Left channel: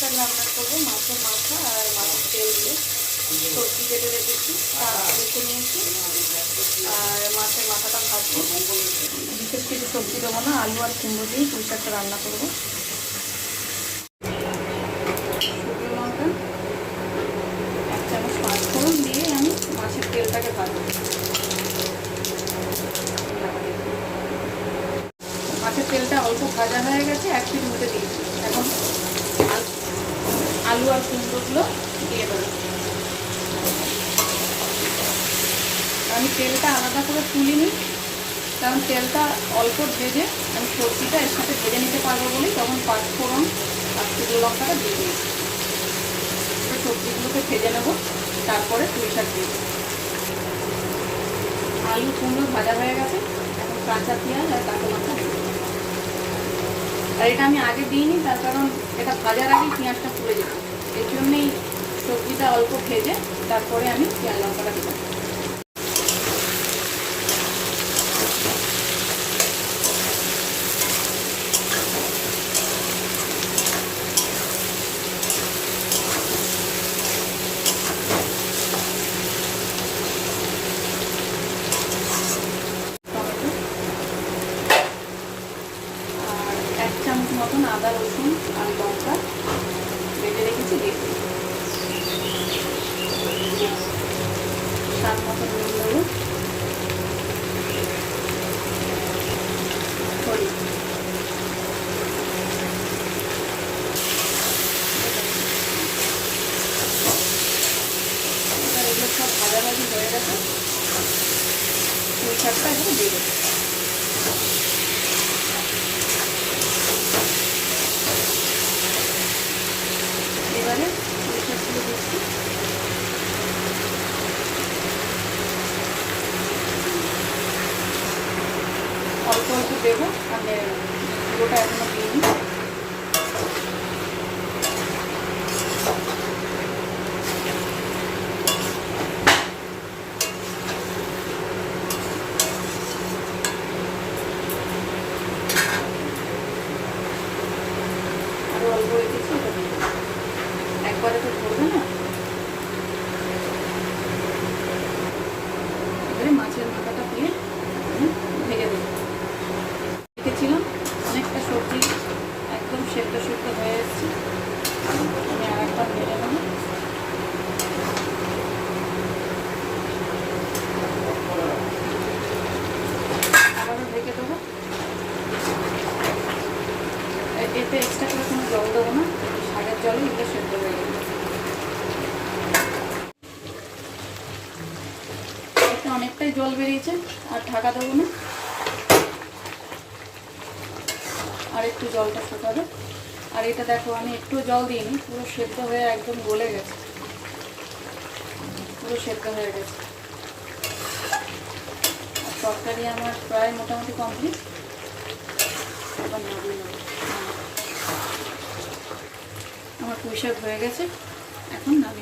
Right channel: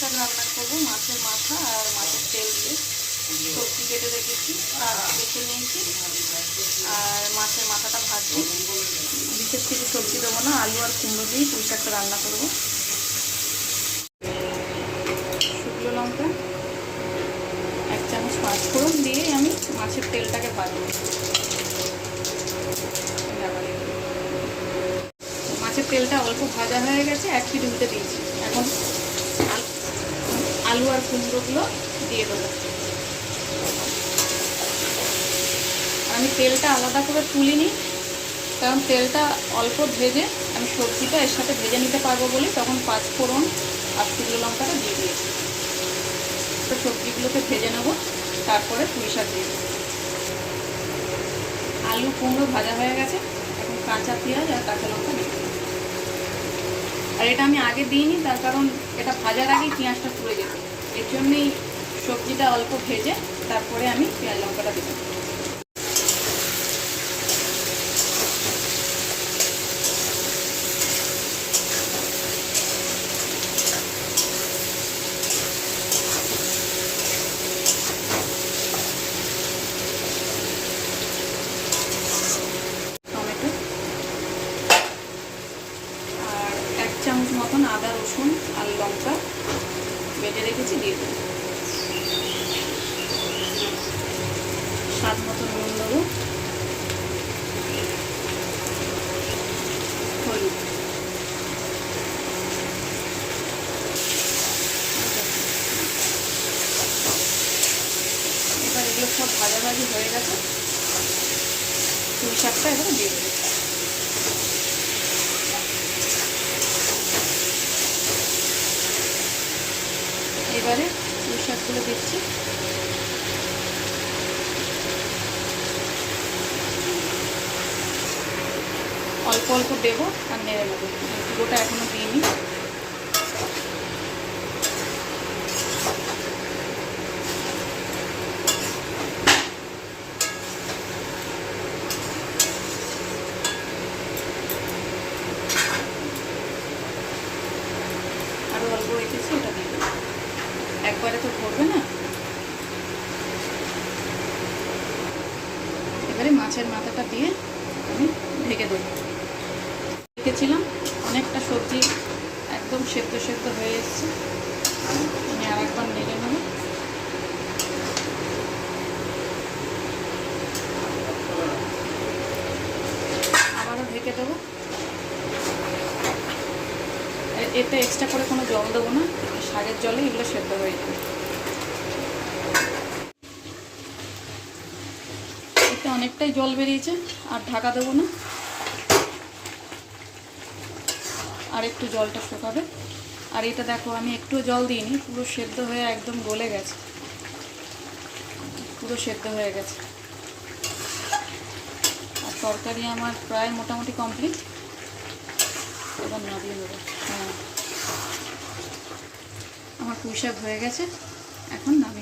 শাক রান্না করব, মাছের মাথা আর মাছের তেল দিয়ে। সবজি কেটে রেখেছি বেছে নিয়েছি। আর মাছের মাথাটা ভাজছি বিশেষ কিছু সবজি দেবো না, আলু আর কুমড়ো দিয়ে পুঁই শাকটা রান্না করব। শুকনো লঙ্কা আমি মাছের তেলটাকে মাছের তেলটা অল্প ভাজা হয়ে গেছে, এক উঠে দিয়েছি। আলু আর কুমড়োগুলো দিয়ে দেবো। আমি তেলটা আলাদা করে তুলিনি কারণ তেলটা অল্প ভেজে আমি সবজিটা এর সাথে ভেজে নিতে পারব বলে তখন পাঁচ ফোড়ন আর শুকনো লঙ্কাটা দিয়ে দিয়েছি তো সবজিগুলোকে ভেজে নেব, তারপরে পুঁই শাক দিয়ে দেবো। আলু কুমড়ো ভাজা হয়ে গেছে, এখন কাঁচা পেঁয়াজ আর কাঁচা লঙ্কা দিয়ে আর এটা আমি আগে দিইনি, তার কারণ এটা ভাজার আগেই পেঁয়াজটা পুড়ে যেত এর জন্যই সবজিটা অল্প ভেজে তারপরে আমি পেঁয়াজ লঙ্কাটা এক চামচ মতন আদা রসুন আর লঙ্কা। বেটে রেখেছি দিয়ে স্বাদ সব ভাজাভাজি হয়ে গেছে। এখন দিয়ে এবারে পুঁই শাকগুলো দিচ্ছি অল্প দেবো আর নেড়ে দেবো পুরোটা এখনও দিইনি। একবারে তো করবে না এবারে মাছের মাথাটা দিয়ে আমি ঢেকে দেবো রেখেছিলাম অনেকটা সবজি, একদম সেদ্ধ সেদ্ধ হয়ে এসছে। আমি আর একবার নেড়ে নেব। আবারও ঢেকে দেবো। এতে এক্সট্রা করে কোনো জল দেবো না। শাকের জলে এগুলো সেদ্ধ হয়ে যাবে। এতে অনেকটাই জল বেরিয়েছে, আর ঢাকা দেবো না। আর একটু জলটা শুকাবে আর এটা দেখো, আমি একটু জল দিইনি, পুরো সেদ্ধ হয়ে একদম গলে গেছে। পুরো সেদ্ধ হয়ে গেছে। তরকারি আমার প্রায় মোটামুটি কমপ্লিট। হ্যাঁ। আমার পুঁই হয়ে গেছে। এখন নামিয়ে